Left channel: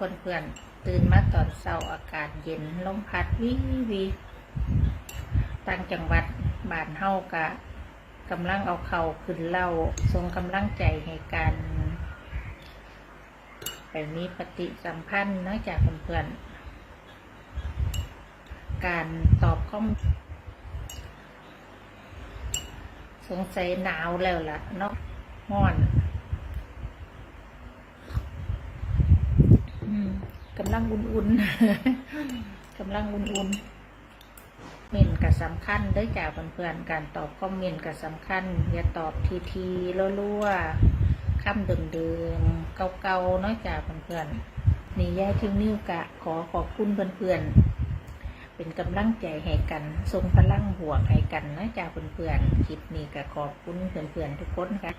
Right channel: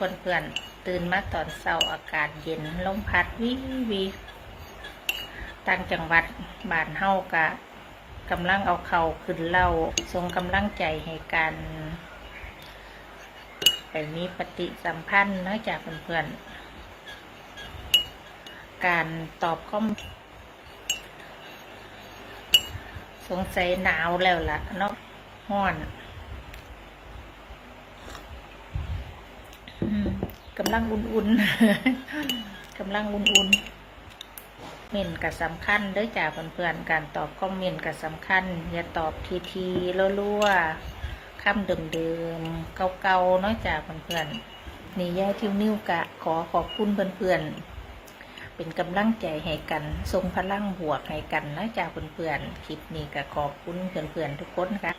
เพื่อนเพื่อนๆตื่นมาตอนเช้าอากาศเย็นลมพัดวิวีต่างจังหวัดบ้านเฮากะกำลังเอาเข่าขึ้นเล่าทรงกำลังใจให้กันไปมีปฏิสัมพันธ์นอกจากเพื่อนๆการตอบข้อมสงสัยหนาวแล้วล่ะเนาะห้อน อืมกำลังอุ่นๆกำลังอุ่นๆเมนกับสำคัญด้วยจากเพื่อนๆการตอบคอมเมนต์กับสำคัญ อย่าตอบทีทีๆรั่วๆคำเดิมๆเก่าๆเนาะจากเพื่อนๆนี่ย่าทิวนิ้วกะ ขอขอบคุณเพื่อนๆเป็นกำลังใจให้กันทรงพลังบวกให้กันนะจากเพื่อนๆคลิปนี้ก็ขอบคุณเพื่อนๆทุกคนค่ะ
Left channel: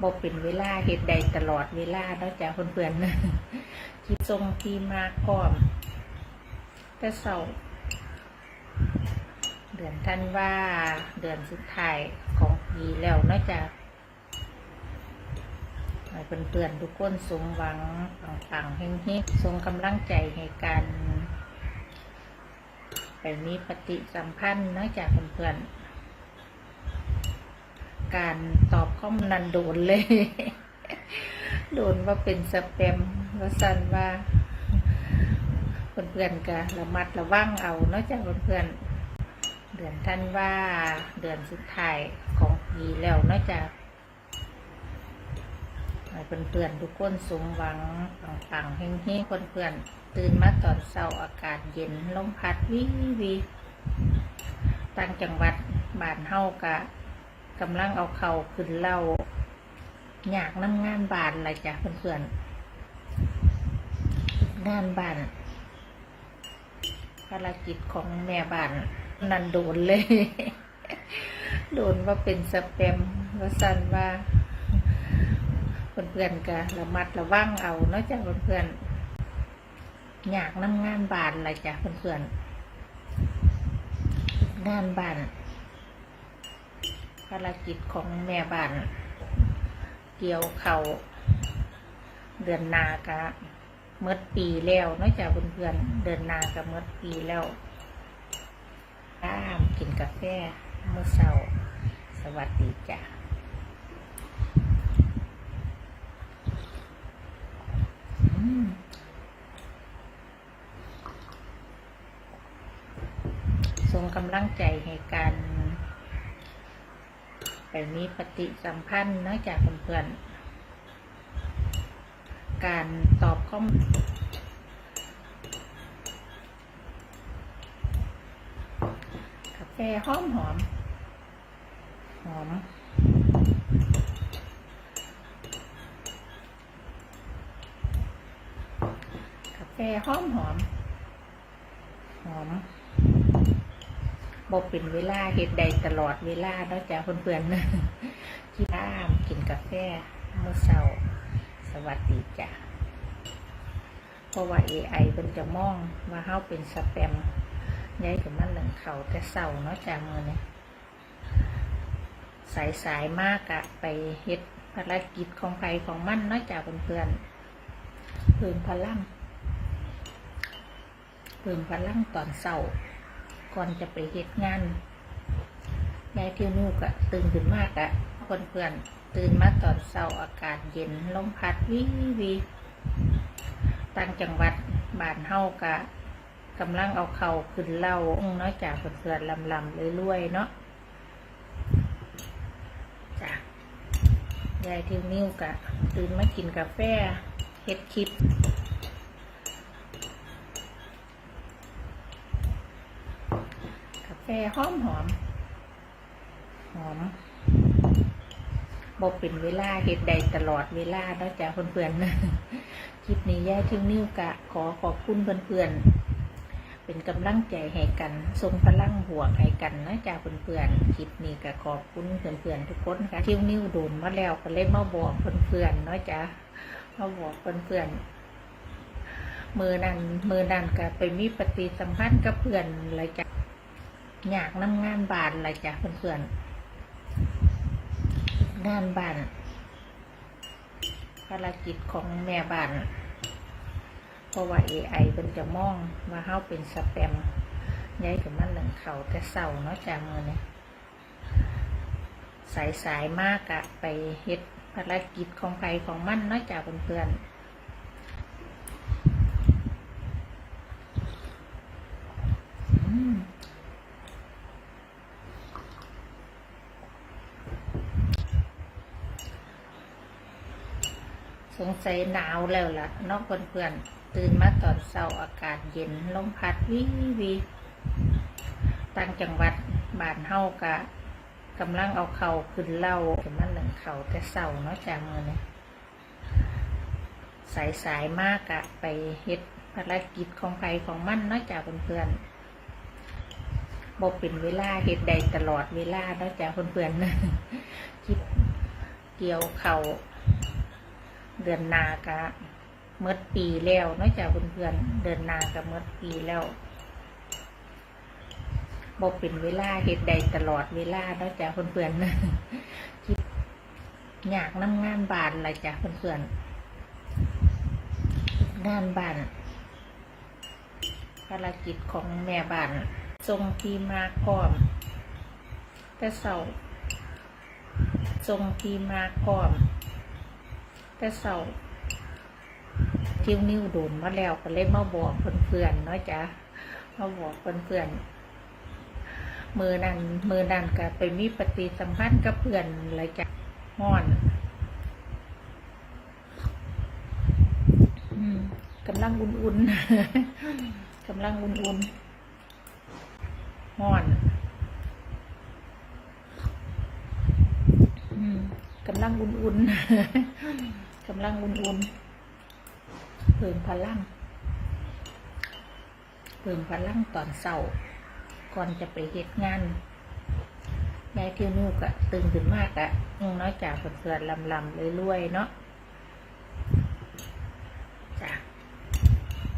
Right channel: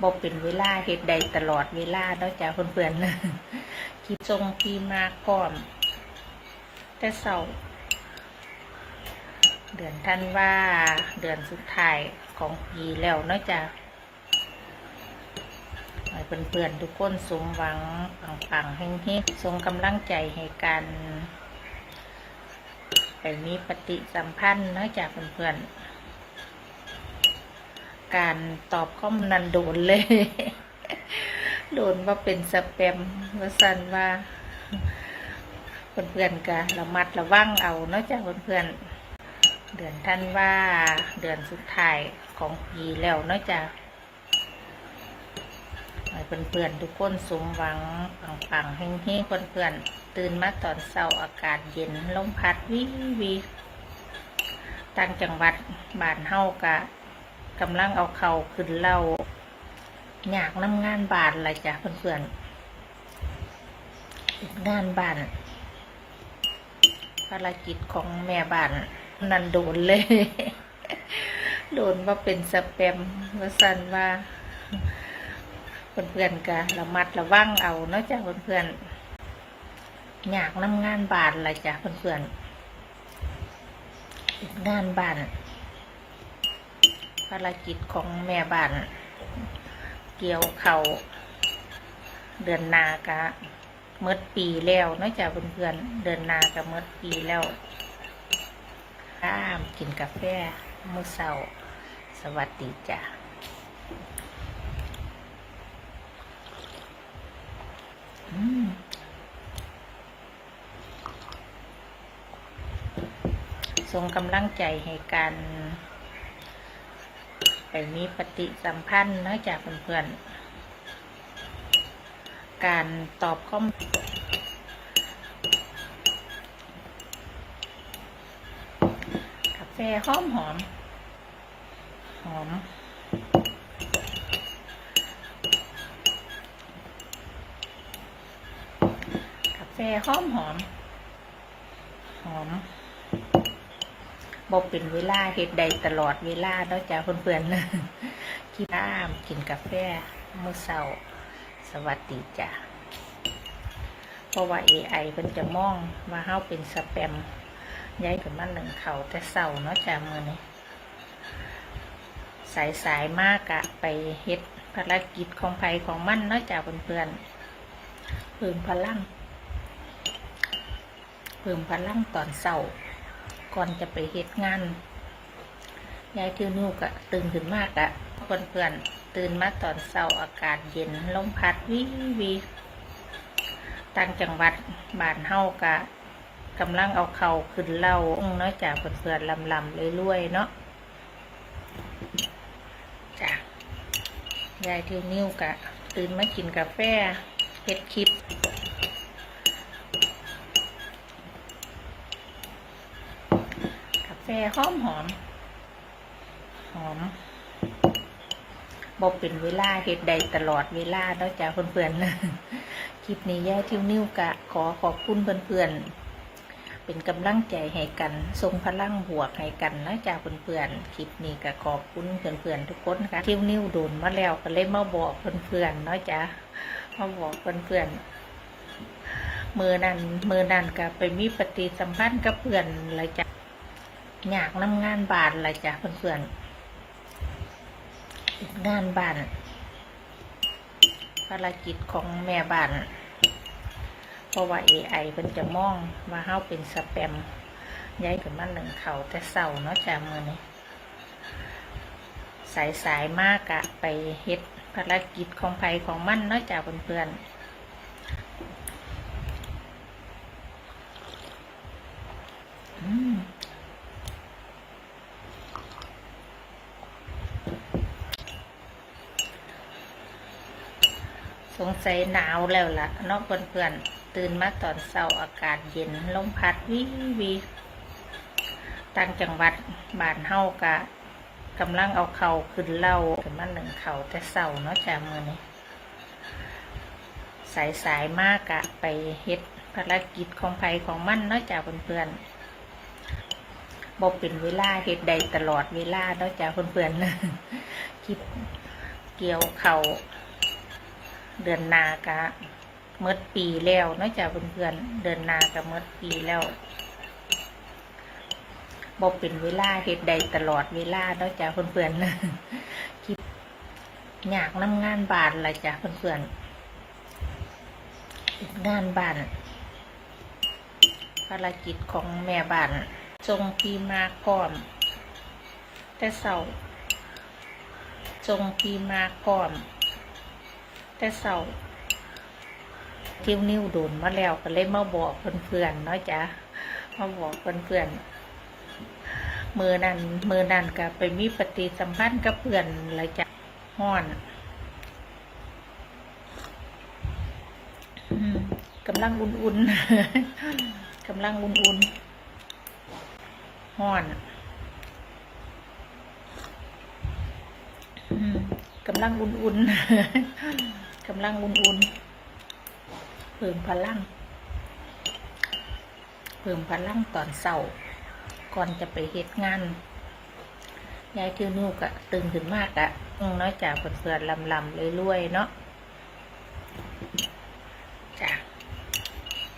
บอกเป็นเวลาเหตุใดตลอดเวลาเนาะจากเพื่อนๆ คิดทรงพีมากพร้อม แต่เศร้าเดือนท่านว่าเดือนสุดท้ายของปีแล้วนอกจากเพื่อนๆทุกคนสมหวังปังๆเฮงๆทรงกำลังใจให้กันไปมีปฏิสัมพันธ์นอกจากเพื่อนๆการตอบข้อมนนันโดนเลย โดนว่าเป็นสแปม ว่าสันว่าเพื่อนๆก็ระมัดระวังเอาเนอกจากเพื่อนๆเดือนท่านว่าเดือนสุดท้ายของปีแล้วเนอกจากเพื่อนๆทุกคนสมหวังปังๆเฮงๆเพื่อนๆตื่นมาตอนเช้าอากาศเย็นลมพัดวิวีต่างจังหวัดบ้านเฮากะกำลังเอาเข่าขึ้นเล่าอยากน้ำงานบานอะไรจ้ะเพื่อนๆ งานบ้าน ภารกิจของแม่บ้าน นันโดนเลย โดนว่าเป็นสแปมว่าสันว่าเพื่อนๆก็ระมัดระวังเอาเนอกจากเพื่อนๆอยากน้ำงานบ้านอะไรจ้ะเพื่อนๆงานบ้านภารกิจของแม่บ้าน เกี่ยวเขาเดือนนากะ เมื่อปีแล้วนอกจากเพื่อนๆเดือนนากะเมื่อปีแล้วข้ามกินกาแฟมื้อเช้าสวัสดีจ้ะส่งกำลังใจให้กันไปมีปฏิสัมพันธ์นอกจากเพื่อนๆ การตอบข้อมกาแฟหอมหอม หอม กาแฟหอมหอม หอมบอกเป็นเวลาเหตุใดตลอดเวลาเนอกจากเพื่อนๆที่น้ำกินกาแฟมื้อเช้า สวัสดีจ้ะเพราะว่า AI เพิ่นจะมองว่าเฮาเป็นสแปมย้ายกับมันหนึ่งเขาแต่เศร้าเนาะจ้ะมือนี้สายสายๆมากอะไปเฮ็ดภารกิจของไผของมันเนาะจ้ะเพื่อนๆเพิ่มพลังเพิ่มพลังตอนเศร้าก่อนจะไปเฮ็ดงานยายทิวนิวกะตื่นขึ้นมากอะเพื่อนเพื่อนๆตื่นมาตอนเช้าอากาศเย็นลมพัดวิวีต่างจังหวัดบ้านเฮากะกำลังเอาเข่าขึ้นเล่าองเนาะจากเพื่อนๆลำลำเรื่อยๆเนาะจ้ะยายทิวนิวกะ ตื่นมากินกาแฟเฮ็ดคลิปกาแฟหอมหอมหอม บอกเป็นเวลาเหตุใดตลอดเวลาเนอกจากเพื่อนๆคลิปนี้ย่าทิวนิ้วกะ ขอขอบคุณเพื่อนๆเป็นกำลังใจให้กันทรงพลังบวกให้กันนะจากเพื่อนๆคลิปนี้ก็ขอบคุณเพื่อนๆทุกคนค่ะทิวนิ้วโดนมาแล้วก็เลยมาบอกเพื่อนๆเนาะจ้ะมาบอกเพื่อนๆมือนั้นมือนั้นก็ไปมีปฏิสัมพันธ์กับเพื่อนเลยจ้ะอยากน้ำงานบานอะไรจ้ะเพื่อนๆ งานบ้าน ภารกิจของแม่บ้าน เพราะว่า AI เพิ่นจะมองว่าเฮาเป็นสแปมย้ายกับมันหนึ่งเขาแต่เศร้าเนาะจ้ามือนี่สายสายมากอะไปเฮ็ดภารกิจของใครของมันเนาะจ้าเพื่อนๆอืม สงสัยหนาวแล้วล่ะนอกเพื่อนๆตื่นมาตอนเช้าอากาศเย็นลมพัดวิวีต่างจังหวัดบ้านเฮากะกำลังเอาเข่าขึ้นเล่ากันมาหนึ่งเข่าแต่เช้าเนาะจ้ามือนี้สายสายมากอะไปเฮ็ดภารกิจของไผของมันเนาะจ้าเพื่อนๆบอกเป็นเวลาเฮ็ดใดตลอดเวลาเนาะจ้าเพื่อนๆคิดเกี่ยวเข่า ดือนนากะเมื่อปีแล้วนอกจากเพื่อนๆเดือนนากะเมื่อปีแล้วบอกเป็นเวลาเฮ็ดใดตลอดเวลานอกจากเพื่อนๆคิดอยากนำงานบ้านละจ้ะเพื่อนๆงานบ้านภารกิจของแม่บ้านทรงพีมาพร้อม แต่เสาทรงพีมาพร้อม แต่เสาทิวนิ้วโดนมาแล้วก็เลยมาบอกเพื่อนๆเนาะจ้ะมาบอกเพื่อนๆมือนั้นมือนั้นก็ไปมีปฏิสัมพันธ์กับเพื่อนอะไรจ้ะห้อนกำลังอุ่นๆกำลังอุ่นๆห้อนกำลังอุ่นๆ กำลังอุ่นๆเพิ่มพลัง เพิ่มพลังตอนเศร้าก่อนจะไปเฮ็ดงานยายเทิวนิ้วกะตื่นขึ้นมากอะน้อยจากเพื่อนๆลำๆรวยๆเนาะจ้ะ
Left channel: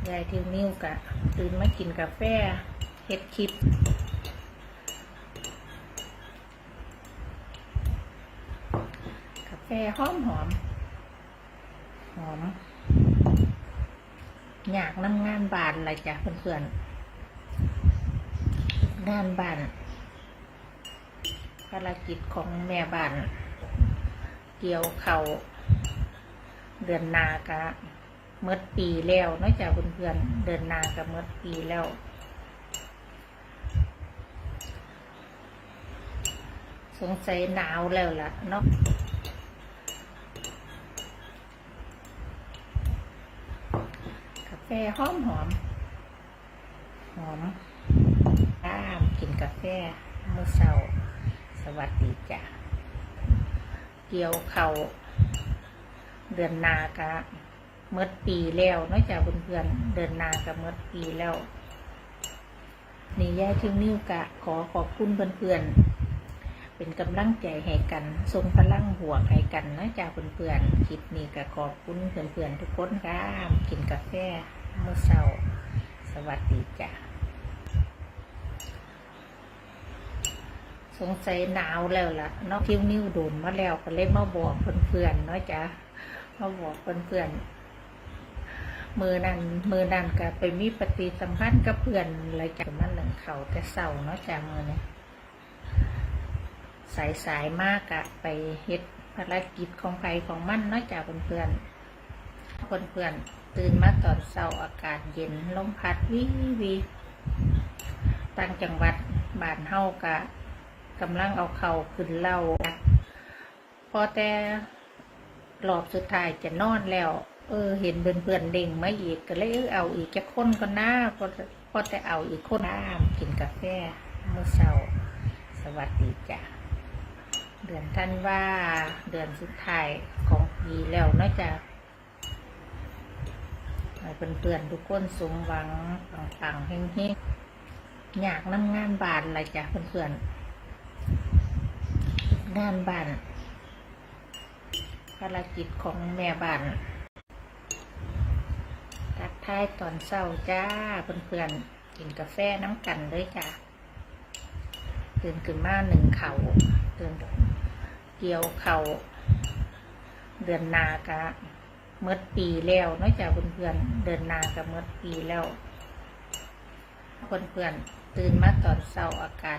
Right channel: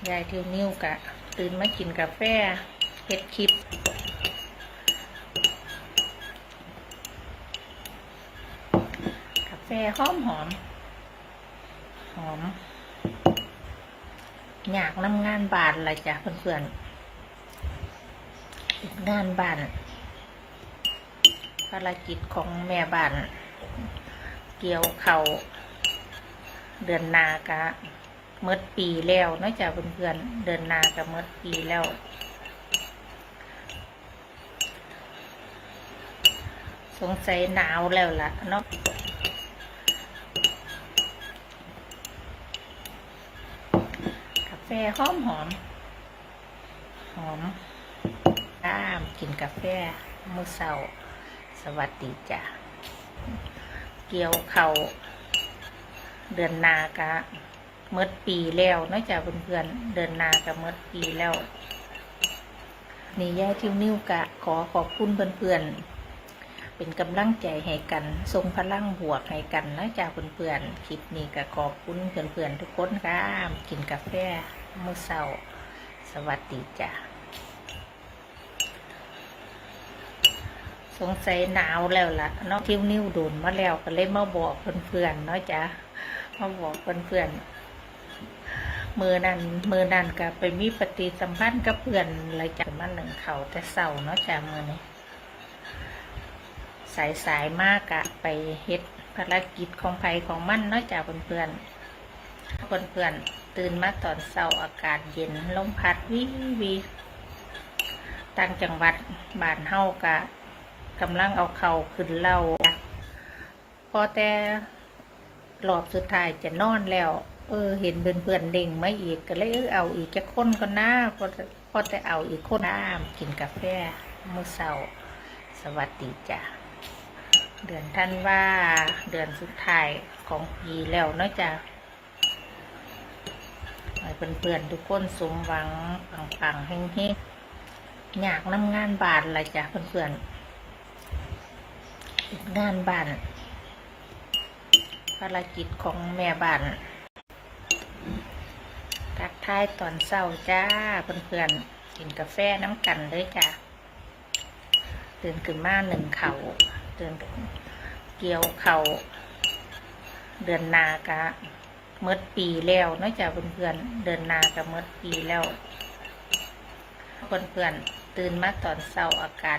ยายเทิวนิ้วกะตื่นมากินกาแฟเฮ็ดคลิปกาแฟหอมหอม อมอยากนำงานบานละจ้ะเพื่อนๆงานบ้านภารกิจของแม่บ้าน เกี่ยวเขาเดือนนากะเมื่อปีแล้วนอกจากเพื่อนๆเดือนนากะเมื่อปีแล้วสงสัยหนาวแล้วล่ะเนาะ กาแฟหอมหอม หอมอ้ามกินกาแฟมื้อเช้า สวัสดีจ้ะ เกี่ยวเขาเดือนนากะเมื่อปีแล้วนอกจากเพื่อนๆเดือนนากะเมื่อปีแล้วนี่ยายทิวนิ้วกะ ขอขอบคุณเพื่อนๆ เป็นกำลังใจให้กันทรงพลังบวกให้กันนะจ้าเพื่อนๆคลิปนี้ก็ขอบคุณเพื่อนๆทุกคนค่ะกินกาแฟ มื้อเช้า สวัสดีจ้าสงสัยหนาวแล้วล่ะเนอกทิวนิ้วโดนมาแล้วก็เลยมาบอกเพื่อนๆเนาะจ้ามาบอกเพื่อนๆมือนั้นมือนั้นก็ไปมีปฏิสัมพันธ์กับเพื่อนอะไรจากมันหนึ่งเขาแต่เศร้าเนาะจ้ามือนี้สายสายมากอะไปเฮ็ดภารกิจของไผของมันเนาะจ้าเพื่อนๆ เพื่อนๆตื่นมาตอนเช้าอากาศเย็นลมพัดวิวีต่างจังหวัดบ้านเฮากะกำลังเอาเข่าขึ้นเล่าพอแต่รอบสุดท้ายจะนอนแล้ว เออ เห็นเพื่อนๆเด้งมาอีกก็เลยเอาอีกจะค้นก็น่าพอพอแต่เอาอีกคนน้ำกินกาแฟมื้อเช้าสวัสดีจ้ะเดือนท่านว่าเดือนสุดท้ายของปีแล้วเนาะจ้ะ ให้เพื่อนๆทุกคนสมหวังปังๆเฮงๆอยากนำงานบ้านละไรจ้ะเพื่อนๆงานบ้านภารกิจของแม่บ้านทักทายตอนเช้าจ้าเพื่อนๆกินกาแฟน้ำกันเลยจ้ะตื่นขึ้นมาหนึ่งเขาตื่นเกี่ยวเขาเดือนนากะ เมื่อปีแล้วนอกจากเพื่อนๆเดินนากับเมื่อปีแล้วเพื่อนๆตื่นมาตอนเช้าอากาศ